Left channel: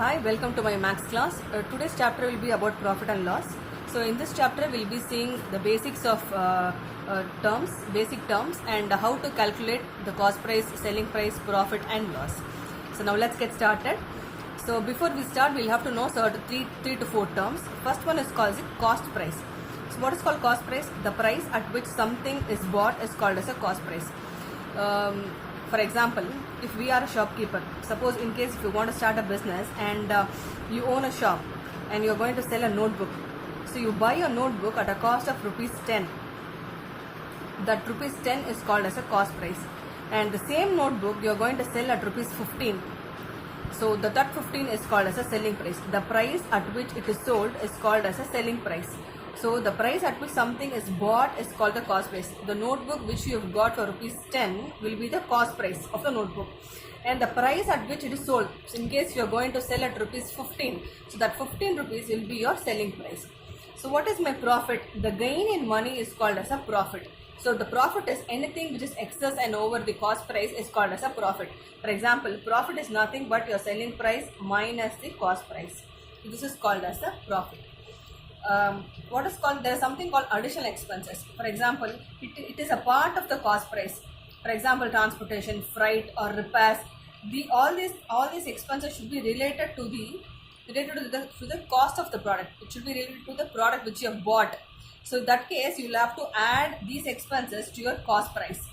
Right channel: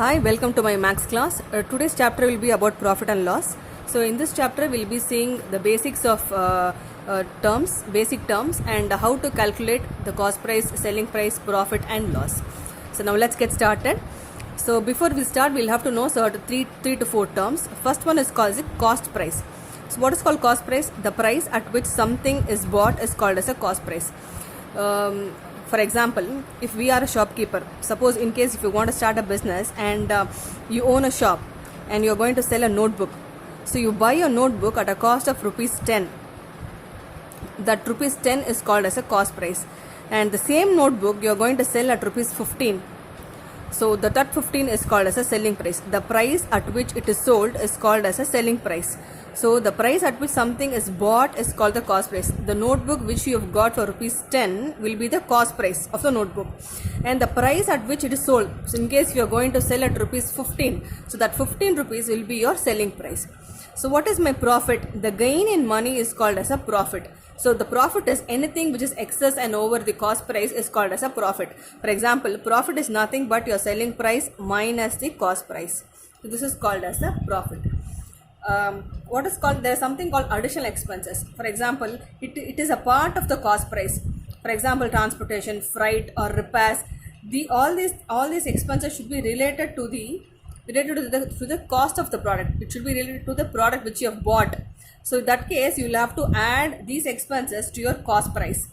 Hi, welcome to my maths class. Today's chapter will be about profit and loss. So in this chapter we'll be seeing the basics of basic terms and how to calculate the cost price, selling price, profit and loss. So now let's get started. So before we start, we'll have to know three to four terms. First one is called cost price. So what is called cost price? The price at which something is bought is called as a cost price. For example, if we are a shopkeeper, suppose in case if you want to start a business and you own a shop and you're going to sell a notebook. So you buy a notebook at a cost of rupees 10. That rupees 10 is called as a cost price. And the same notebook you're going to sell at rupees 15. So that 15 is called as a selling price. The price at which it is sold is called as a selling price. So the price at which something is bought is called the cost price. The notebook which you have got for rupees 10 will be the cost price of the notebook. And the price at which it is sold, so in case you are going to sell at rupees 15, so that 15 rupees will be your selling price. So what is my profit? The gain in money is called as a profit. So the profit is anything which is excess and over the cost price is called as a profit. For example, profit is nothing but your selling price minus the cost price. So this is called as a profit. There is something called additional expenses. For example, it is a part of the cost price. For example, transportation, freight or repairs. All these expenses should be related to the cost of the product. It should be related to the product which you have bought. So in that case, you will have to add these expenses to your cost price.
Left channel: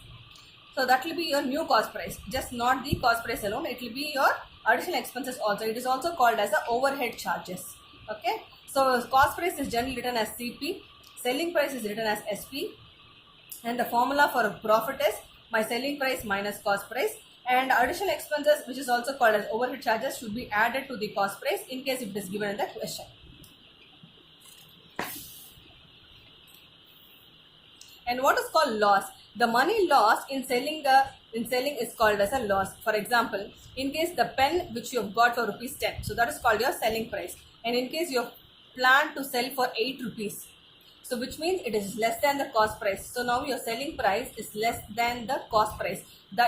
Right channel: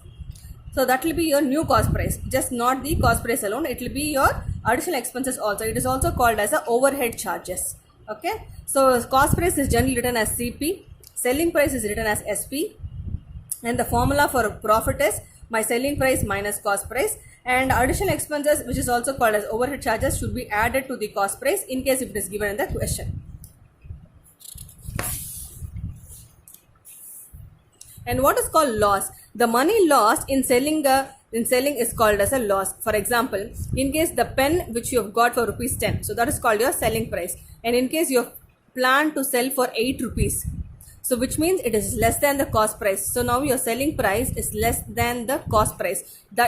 So that will be your new cost price. Just not the cost price alone. It will be your additional expenses also. It is also called as a overhead charges. Okay. So cost price is generally written as CP. Selling price is written as SP. And the formula for profit is my selling price minus cost price. And additional expenses, which is also called as overhead charges, should be added to the cost price in case if it is given in the question. And what is called loss? The money lost in selling is called as a loss. For example, in case the pen which you have got for rupees 10, so that is called your selling price. And in case you have planned to sell for 8 rupees, so which means it is less than the cost price. So now your selling price is less than the cost price.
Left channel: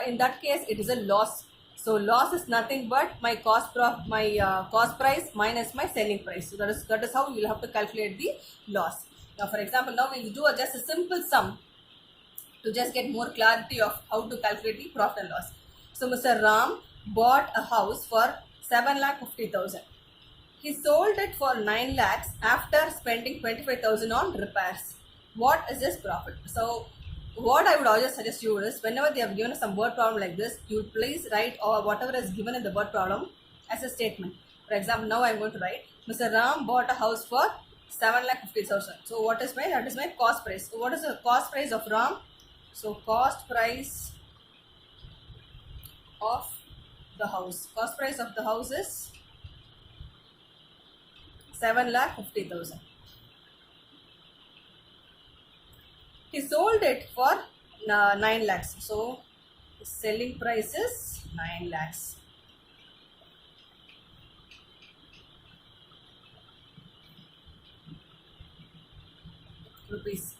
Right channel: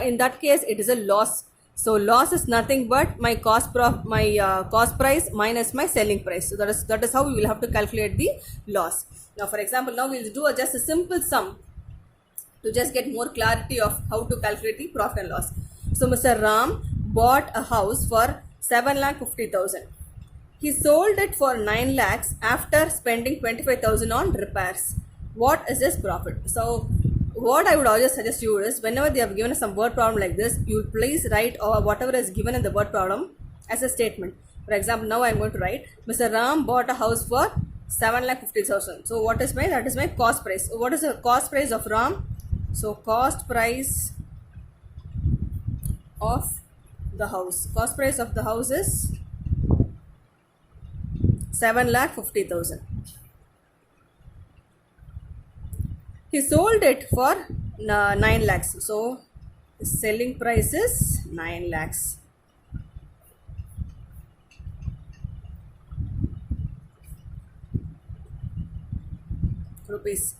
In that case, it is a loss. So loss is nothing but my cost price minus my selling price. So that is how we will have to calculate the loss. Now, for example, now we will do just a simple sum to just get more clarity of how to calculate the profit and loss. So Mr. Ram bought a house for 7,50,000. He sold it for 9 lakhs after spending 25,000 on repairs. What is his profit? So what I would always suggest you is, whenever they have given some word problem like this, you please write or whatever is given in the word problem as a statement. For example, now I am going to write Mr. Ram bought a house for 7,50,000. So what is that is my cost price. So what is the cost price of Ram? So cost price of the house. Cost price of the house is 7,50,000. He sold it for 9 lakhs. So selling price is 9 lakhs. Rupees.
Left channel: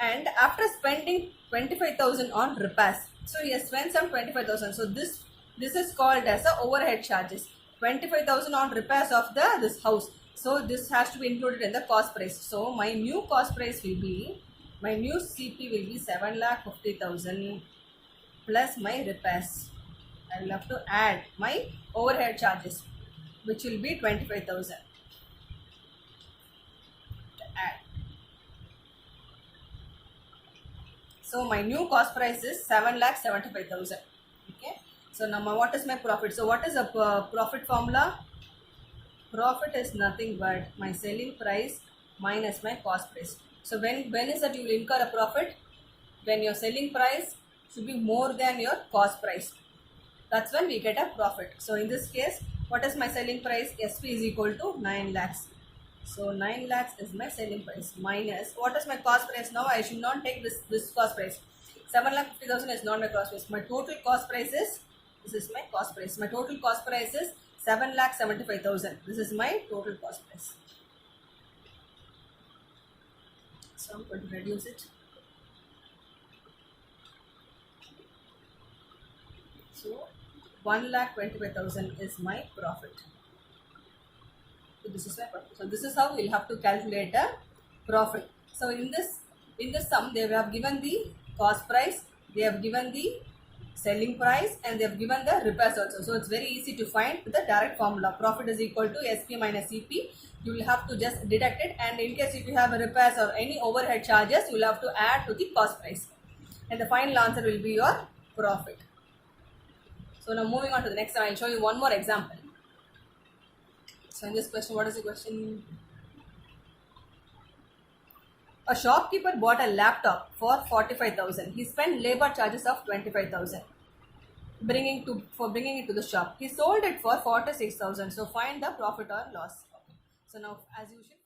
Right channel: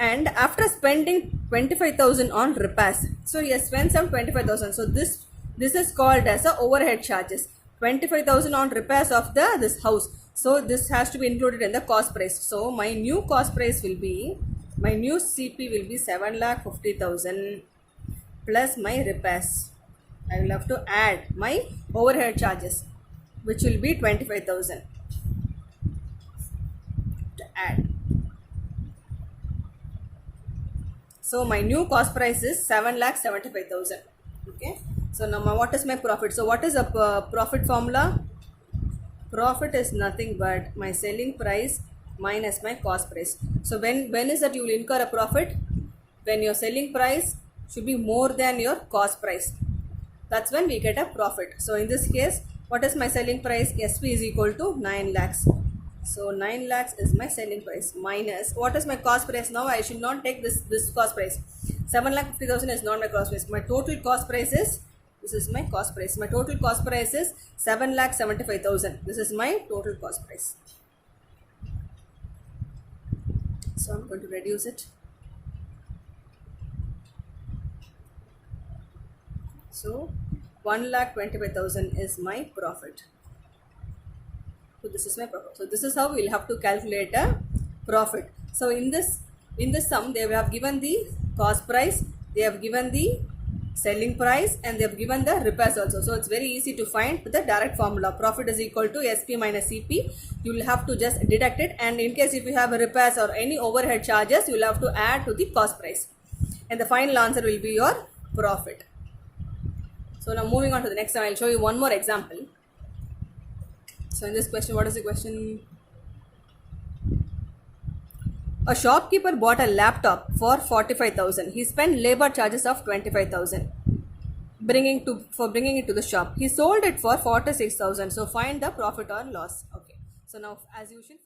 And after spending 25,000 on repairs, so he has spent some 25,000. So this is called as a overhead charges. 25,000 on repairs of this house. So this has to be included in the cost price. So my new cost price will be, my new CP will be 7,50,000 plus my repairs. I will have to add my overhead charges, which will be 25,000 to add. So my new cost price is 7,75,000. Okay. So now what is my profit? So what is a profit formula? Profit is nothing but my selling price minus my cost price. So when is that you will incur a profit? When your selling price should be more than your cost price. That's when we get a profit. So in this case, what is my selling price? SP is equal to 9 lakhs. So 9 lakhs is my selling price minus what is my cost price. Now I should not take this cost price. 7,50,000 is not my cost price. My total cost price is, this is my cost price. My total cost price is 7,75,000. This is my total cost price. So I'm going to reduce it. So 1,25,000 is my profit. So this is my profit. So this is how we'll have to calculate a profit. So in this sum, they have given the cost price, they have given the selling price, and they have given the repairs also. So it's very easy to find with the direct formula. Profit is equal to SP minus CP. You will have to just deduct it, and in case if you have a repairs or any overhead charges, you will have to add to the cost price, and the final answer will be your profit. So now moving on to the next one, I'll show you one more example. So in this question, what is the question? A shopkeeper bought a laptop for 45,000. He spent labor charges of 25,000 bringing it to the shop. He sold it for 46,000. So find the profit or loss. Okay. So now as usual